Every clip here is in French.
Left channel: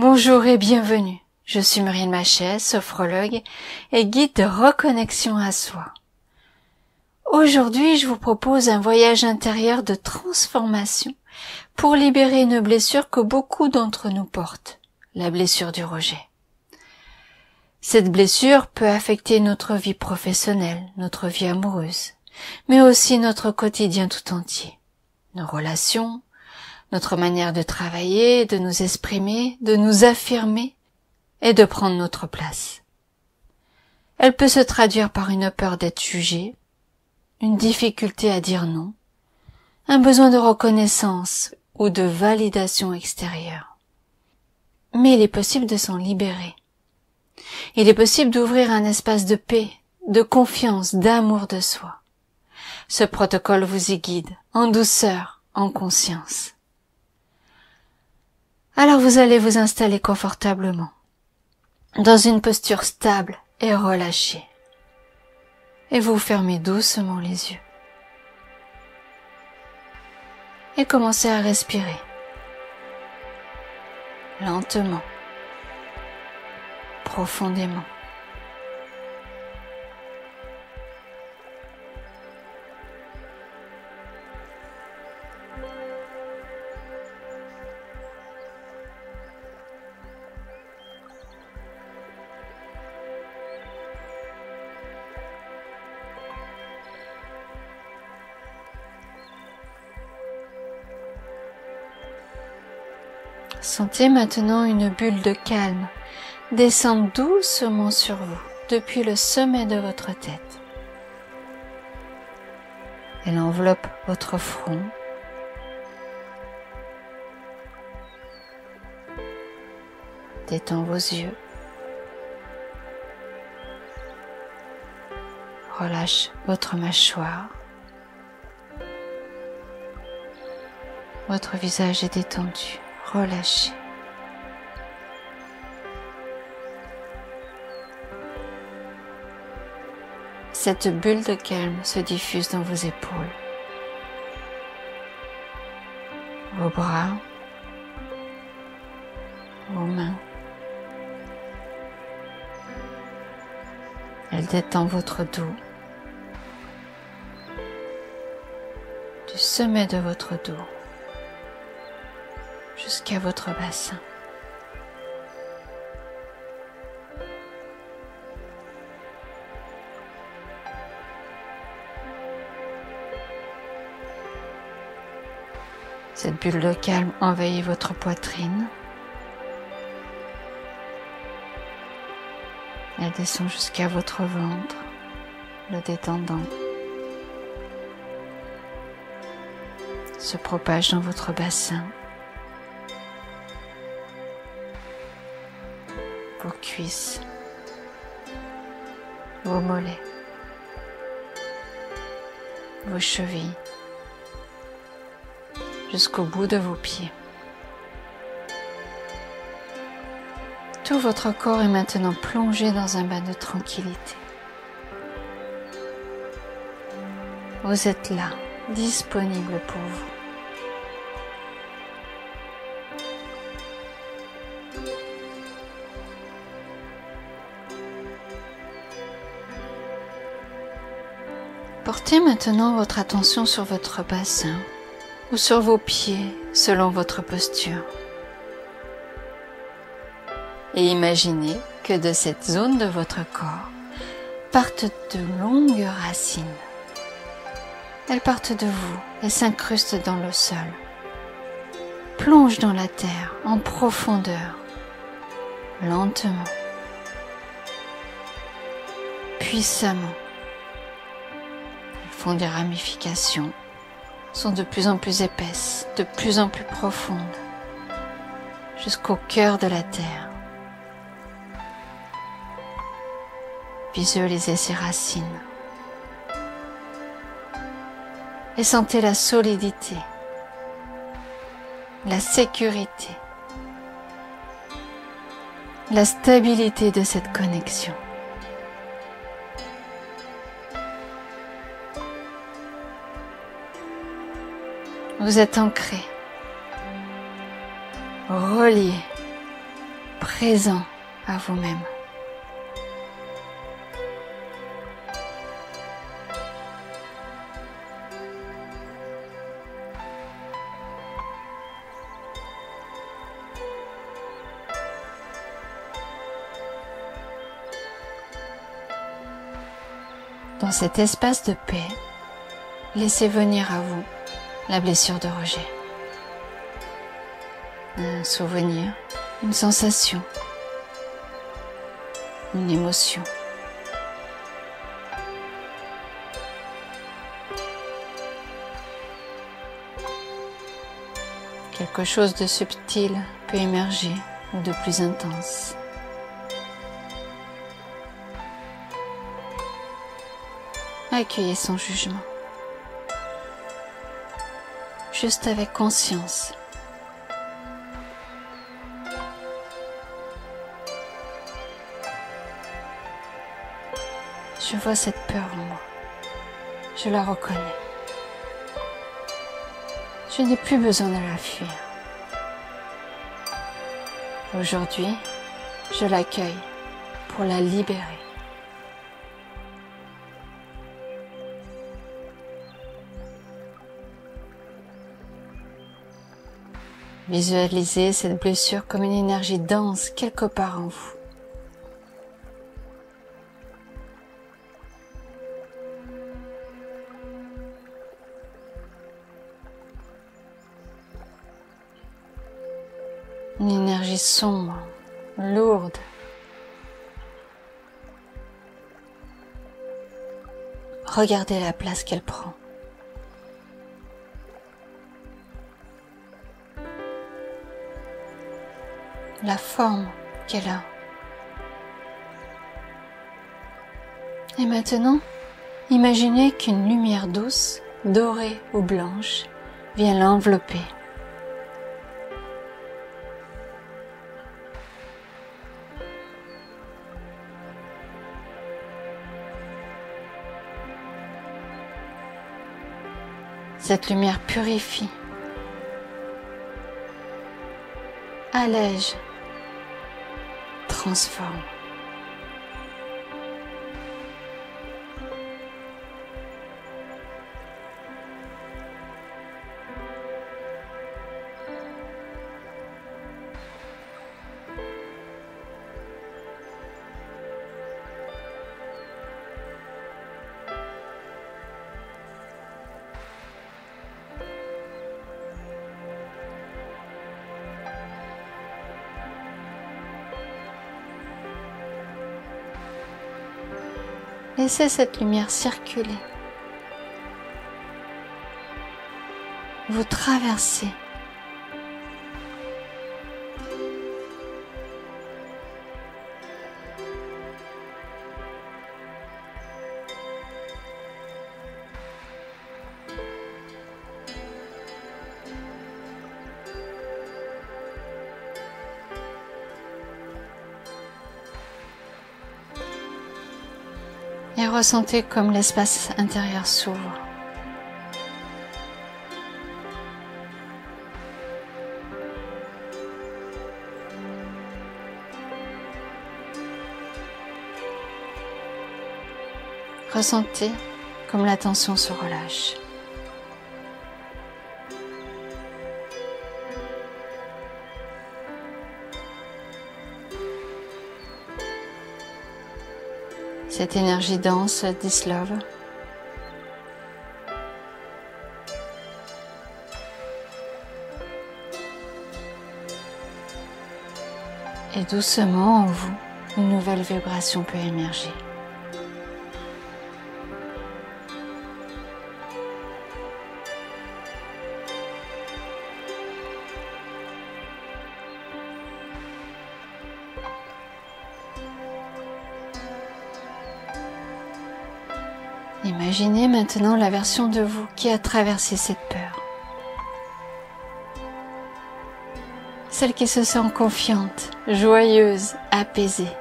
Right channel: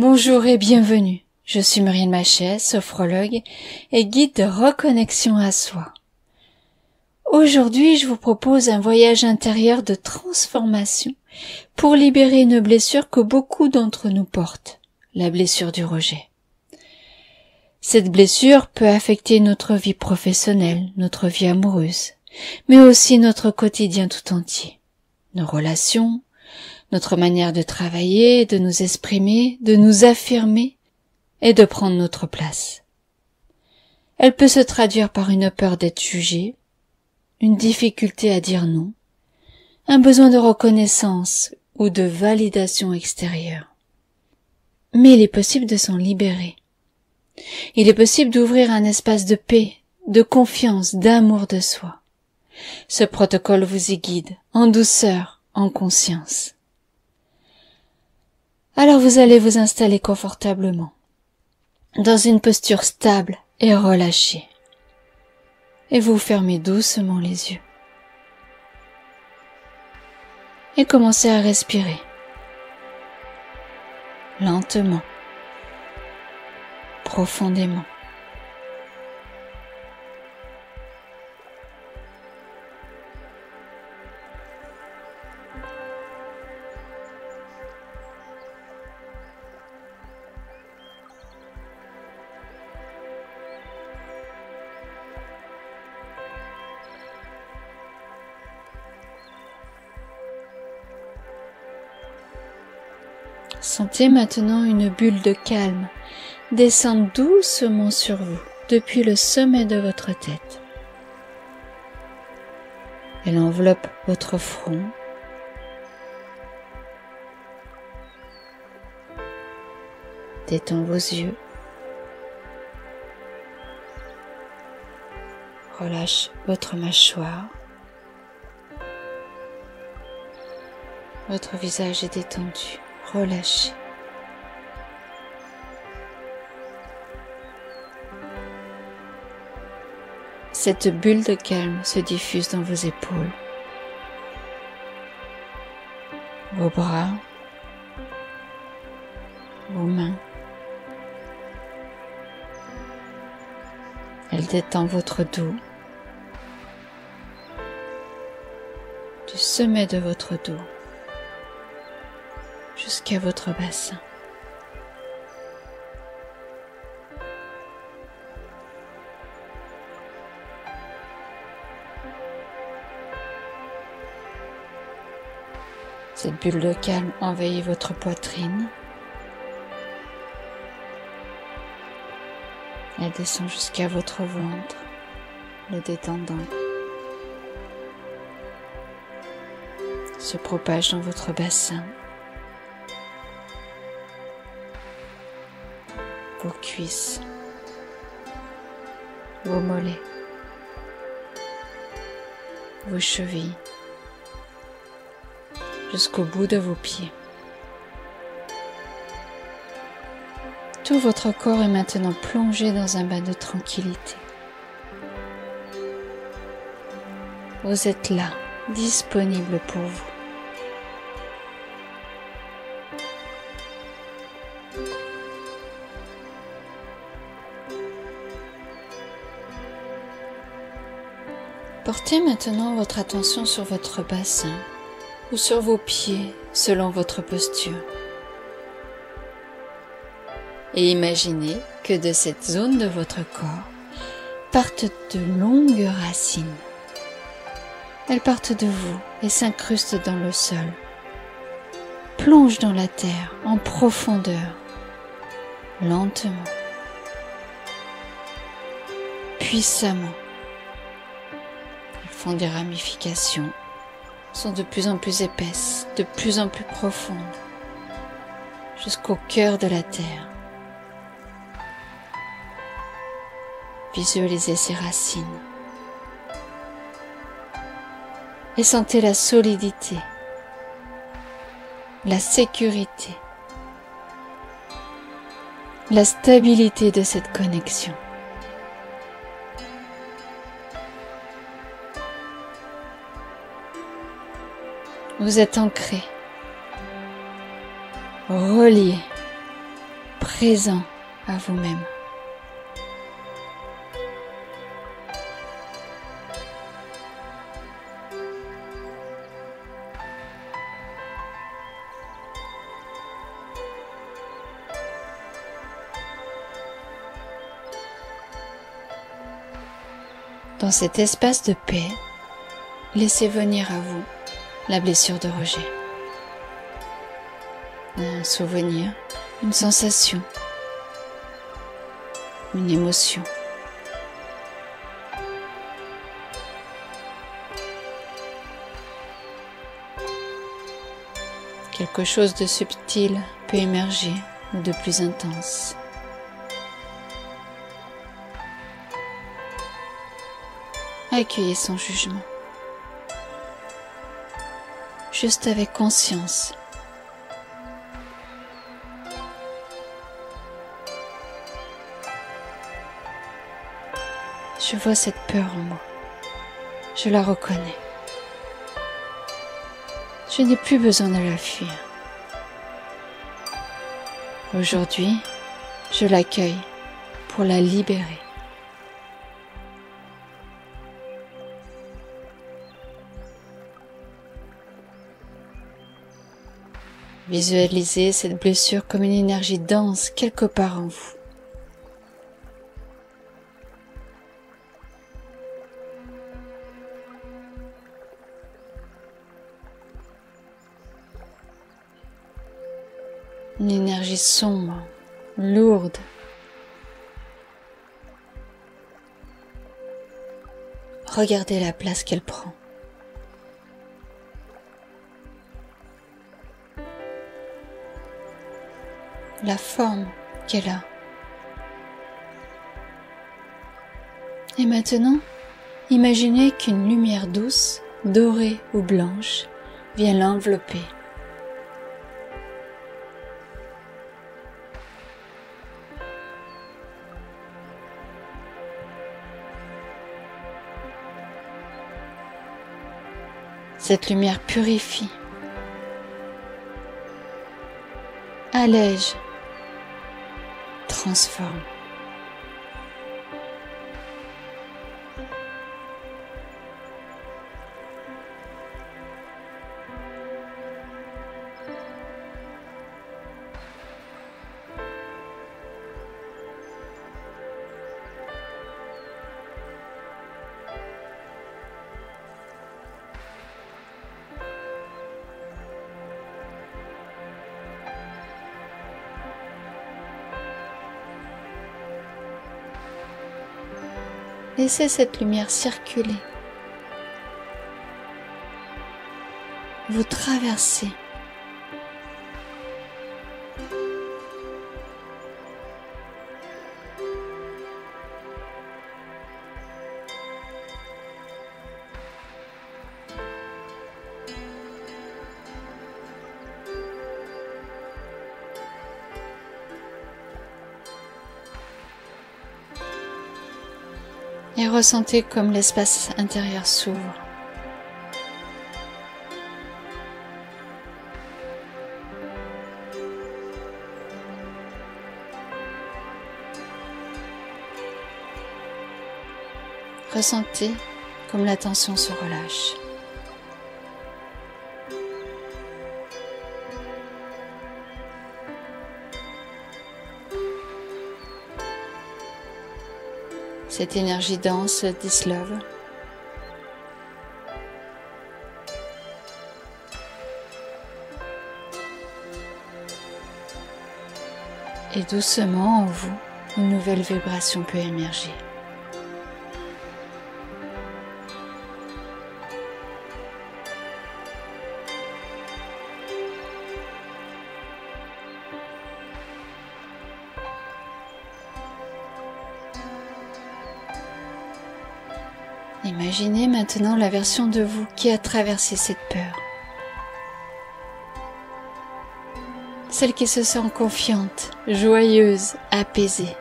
Bonjour et bienvenue. Je suis Muriel Machet, sophrologue et guide de reconnexion à soi. Aujourd'hui, je vous propose un voyage intérieur de transformation pour libérer une blessure que beaucoup d'entre nous portent, la blessure du rejet. Cette blessure peut affecter notre vie professionnelle, notre vie amoureuse, mais aussi notre quotidien tout entier, nos relations, notre manière de travailler, de nous exprimer, de nous affirmer et de prendre notre place. Elle peut se traduire par une peur d'être jugée, une difficulté à dire non, un besoin de reconnaissance ou de validation extérieure. Mais il est possible de s'en libérer. Il est possible d'ouvrir un espace de paix, de confiance, d'amour de soi. Ce protocole vous y guide, en douceur, en conscience. Alors vous allez vous installer confortablement, dans une posture stable et relâchée. Et vous fermez doucement les yeux. Et commencez à respirer. Lentement. Profondément. Sentez maintenant une bulle de calme descendre doucement sur vous depuis le sommet de votre tête. Elle enveloppe votre front, détend vos yeux, relâche votre mâchoire, votre visage est détendu. Relâchez. Cette bulle de calme se diffuse dans vos épaules, vos bras, vos mains. Elle détend votre dos, du sommet de votre dos jusqu'à votre bassin. Cette bulle de calme envahit votre poitrine. Elle descend jusqu'à votre ventre, le détendant. Se propage dans votre bassin. Vos cuisses, vos mollets, vos chevilles, jusqu'au bout de vos pieds. Tout votre corps est maintenant plongé dans un bain de tranquillité. Vous êtes là, disponible pour vous. Portez maintenant votre attention sur votre bassin ou sur vos pieds selon votre posture. Et imaginez que de cette zone de votre corps partent de longues racines. Elles partent de vous et s'incrustent dans le sol. Plongent dans la terre en profondeur, lentement, puissamment. Font des ramifications, sont de plus en plus épaisses, de plus en plus profondes, jusqu'au cœur de la terre. Visualisez ces racines et sentez la solidité, la sécurité, la stabilité de cette connexion. Vous êtes ancré, relié présent à vous-même. Dans cet espace de paix, laissez venir à vous la blessure de rejet. Un souvenir, une sensation, une émotion. Quelque chose de subtil peut émerger ou de plus intense. Accueillez son jugement, juste avec conscience. Je vois cette peur en moi, je la reconnais. Je n'ai plus besoin de la fuir. Aujourd'hui, je l'accueille pour la libérer. Visualisez cette blessure comme une énergie dense quelque part en vous. Une énergie sombre, lourde. Regardez la place qu'elle prend. La forme qu'elle a. Et maintenant, imaginez qu'une lumière douce, dorée ou blanche, vient l'envelopper. Cette lumière purifie, allège, transforme. Laissez cette lumière circuler. Vous traversez. Et ressentez comme l'espace intérieur s'ouvre. Ressentez comme la tension se relâche. Cette énergie dense se dissolve. Et doucement en vous, une nouvelle vibration peut émerger. Imaginez maintenant la version de vous qui a traversé cette peur. Celle qui se sent confiante, joyeuse, apaisée.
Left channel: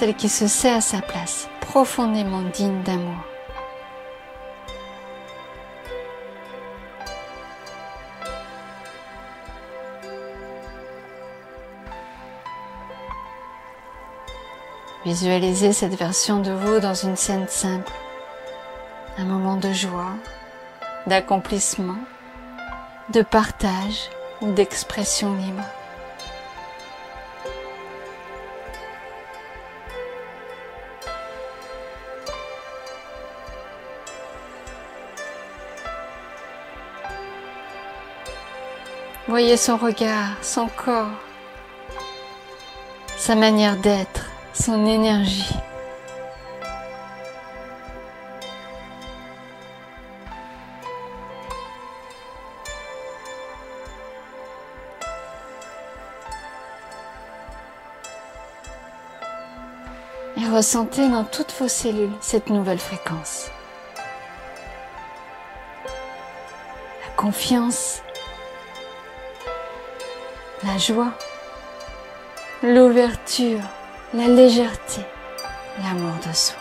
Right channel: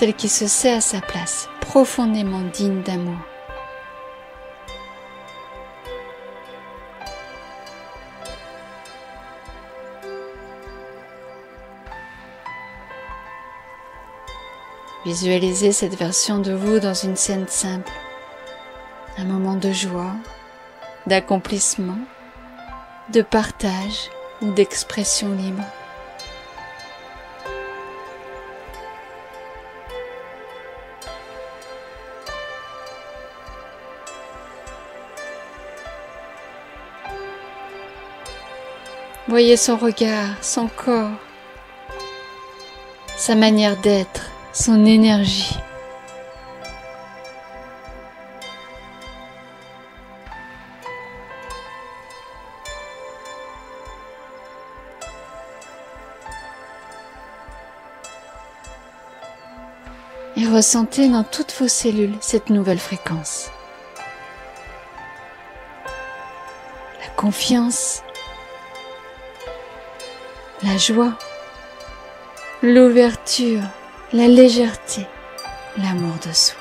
celle qui se sait à sa place, profondément digne d'amour. Visualisez cette version de vous dans une scène simple, un moment de joie, d'accomplissement, de partage ou d'expression libre. Voyez son regard, son corps, sa manière d'être, son énergie. Et ressentez dans toutes vos cellules cette nouvelle fréquence. La confiance, la joie, l'ouverture, la légèreté, l'amour de soi.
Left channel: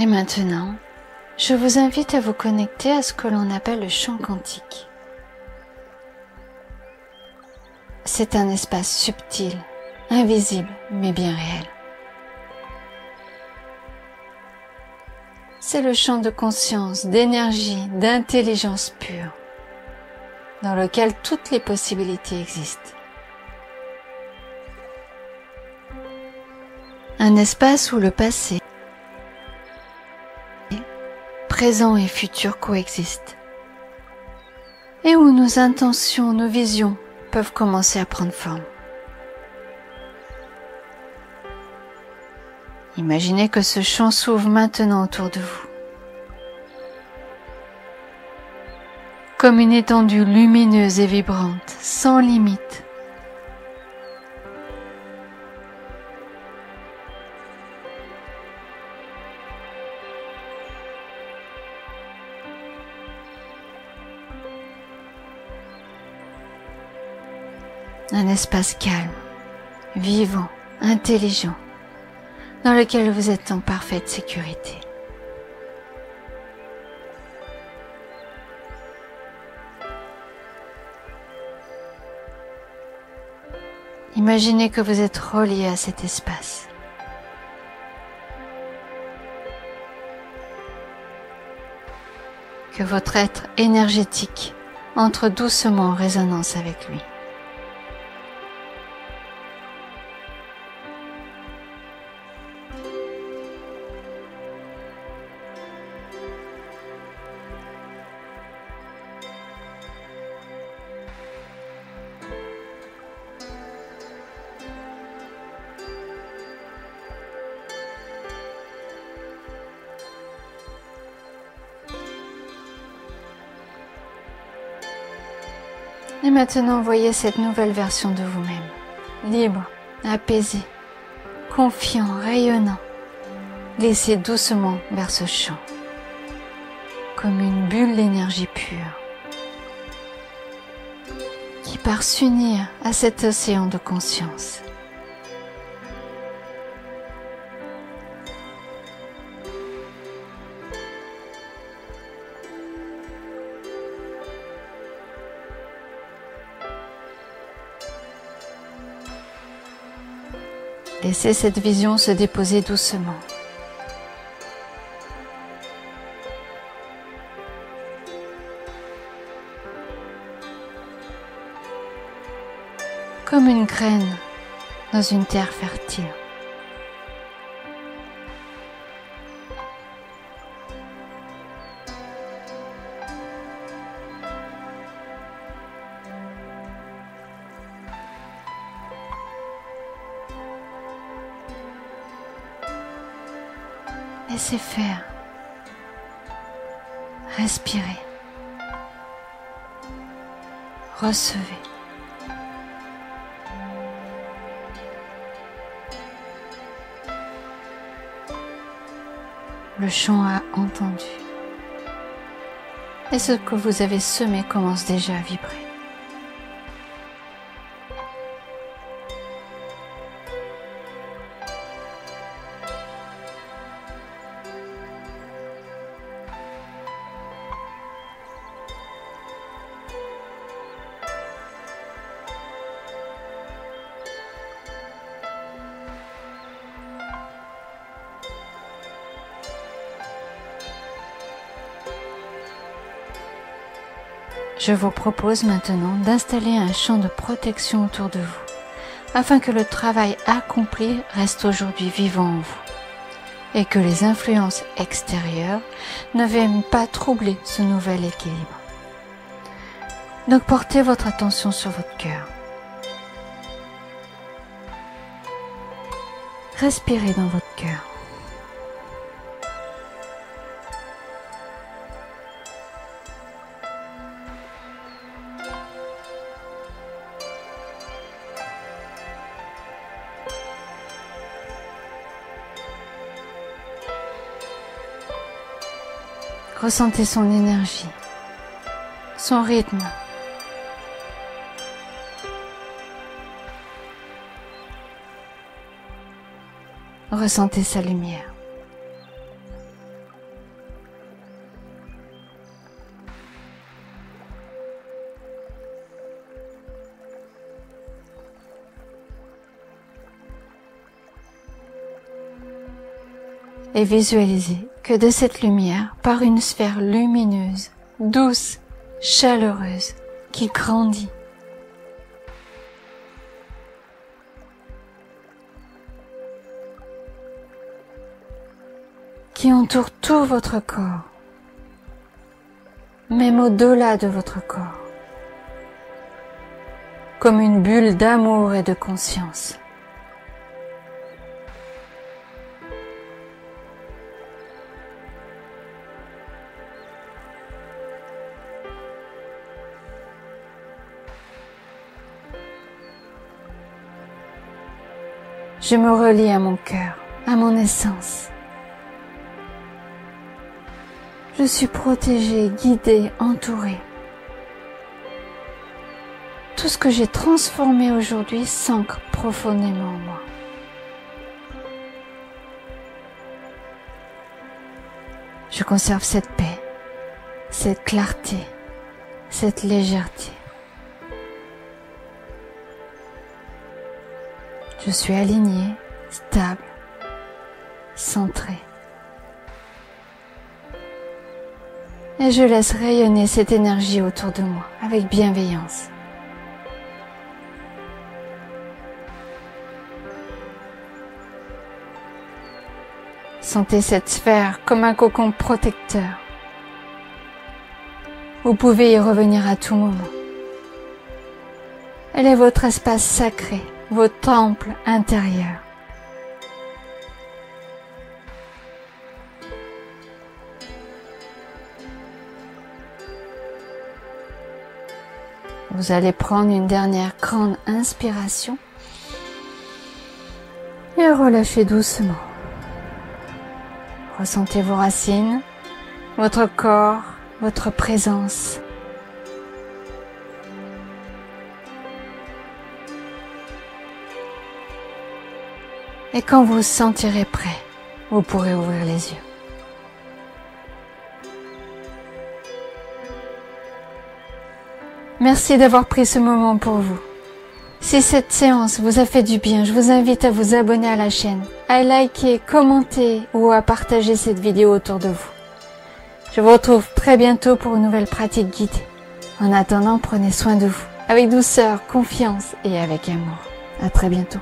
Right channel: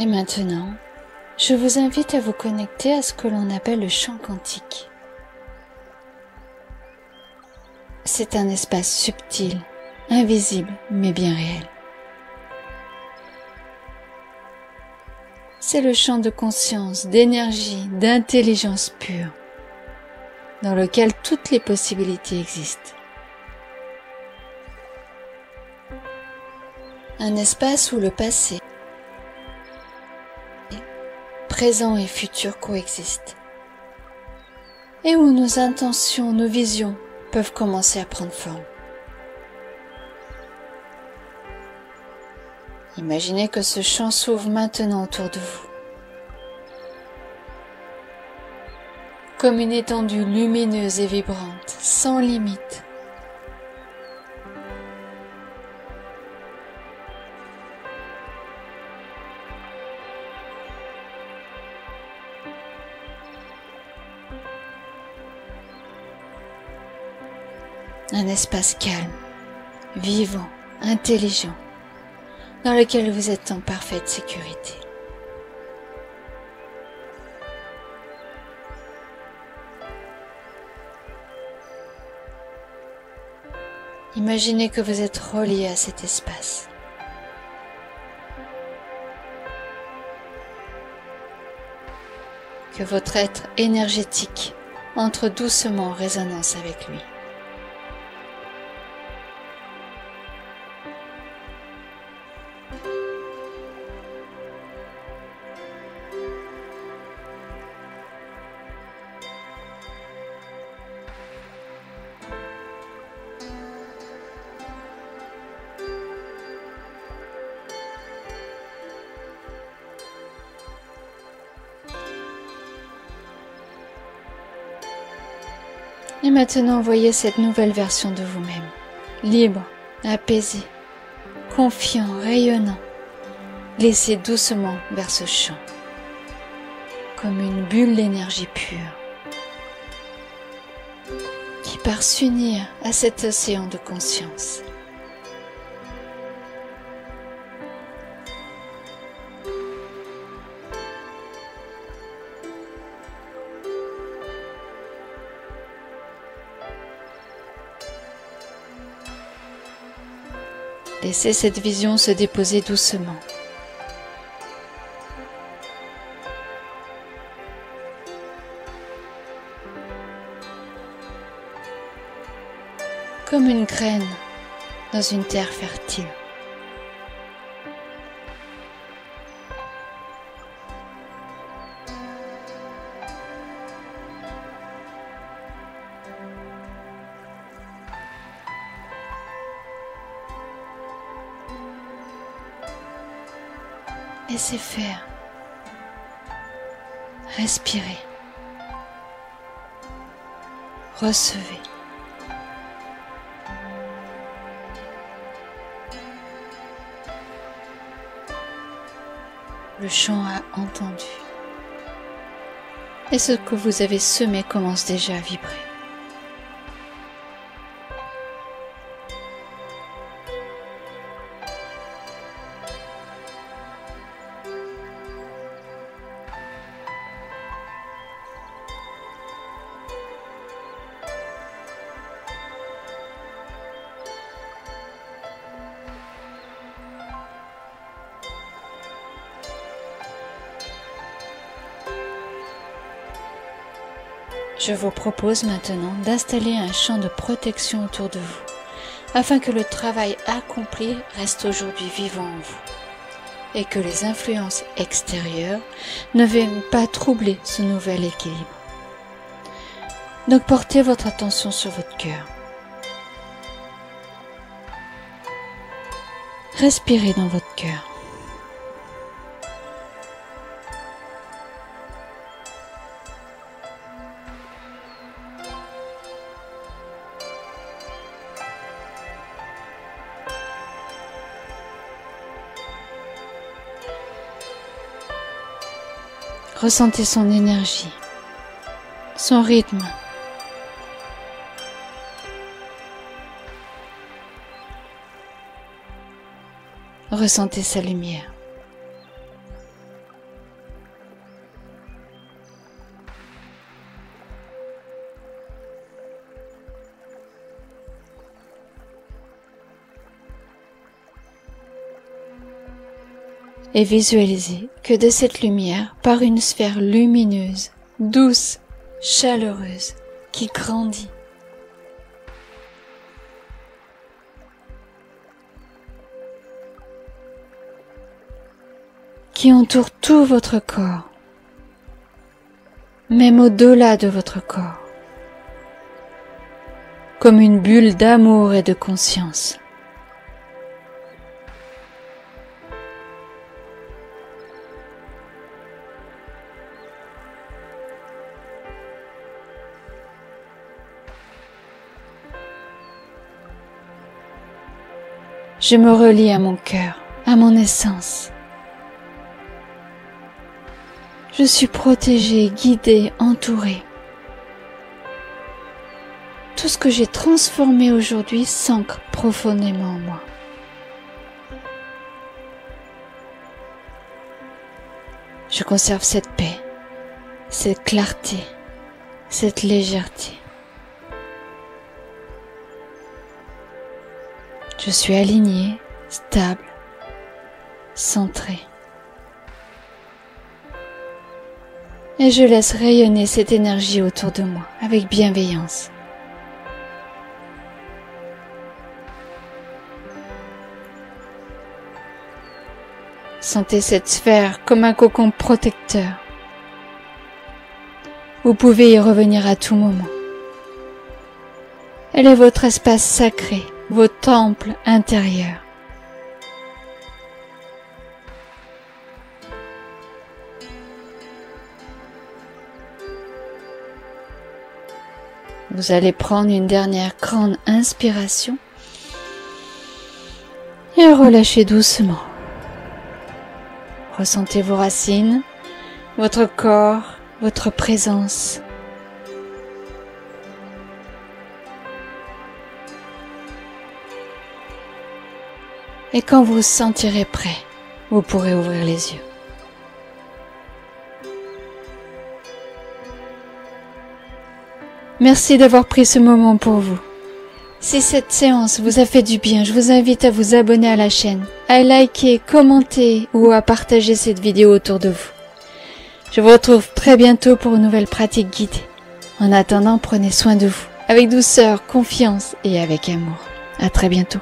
Et maintenant, je vous invite à vous connecter à ce que l'on appelle le champ quantique. C'est un espace subtil, invisible, mais bien réel. C'est le champ de conscience, d'énergie, d'intelligence pure, dans lequel toutes les possibilités existent. Un espace où le passé, présent et futur coexistent, et où nos intentions, nos visions peuvent commencer à prendre forme. Imaginez que ce champ s'ouvre maintenant autour de vous, comme une étendue lumineuse et vibrante, sans limite. Un espace calme, vivant, intelligent, dans lequel vous êtes en parfaite sécurité. Imaginez que vous êtes relié à cet espace. Que votre être énergétique entre doucement en résonance avec lui. Et maintenant, voyez cette nouvelle version de vous-même, libre, apaisé, confiant, rayonnant. Laissez doucement vers ce champ, comme une bulle d'énergie pure, qui part s'unir à cet océan de conscience. Laissez cette vision se déposer doucement. Comme une graine dans une terre fertile. Laissez faire. Respirez. Recevez. Le chant a entendu. Et ce que vous avez semé commence déjà à vibrer. Je vous propose maintenant d'installer un champ de protection autour de vous, afin que le travail accompli reste aujourd'hui vivant en vous, et que les influences extérieures ne viennent pas troubler ce nouvel équilibre. Donc portez votre attention sur votre cœur. Respirez dans votre cœur. Ressentez son énergie, son rythme. Ressentez sa lumière. Et visualisez que de cette lumière part une sphère lumineuse, douce, chaleureuse, qui grandit. Qui entoure tout votre corps, même au-delà de votre corps, comme une bulle d'amour et de conscience. Je me relie à mon cœur, à mon essence. Je suis protégée, guidée, entourée. Tout ce que j'ai transformé aujourd'hui s'ancre profondément en moi. Je conserve cette paix, cette clarté, cette légèreté. Je suis alignée, stable, centrée. Et je laisse rayonner cette énergie autour de moi avec bienveillance. Sentez cette sphère comme un cocon protecteur. Vous pouvez y revenir à tout moment. Elle est votre espace sacré, votre temple intérieur. Vous allez prendre une dernière grande inspiration et relâchez doucement. Ressentez vos racines, votre corps, votre présence. Et quand vous vous sentirez prêt, vous pourrez ouvrir les yeux. Merci d'avoir pris ce moment pour vous. Si cette séance vous a fait du bien, je vous invite à vous abonner à la chaîne, à liker, commenter ou à partager cette vidéo autour de vous. Je vous retrouve très bientôt pour une nouvelle pratique guidée. En attendant, prenez soin de vous, avec douceur, confiance et avec amour. À très bientôt.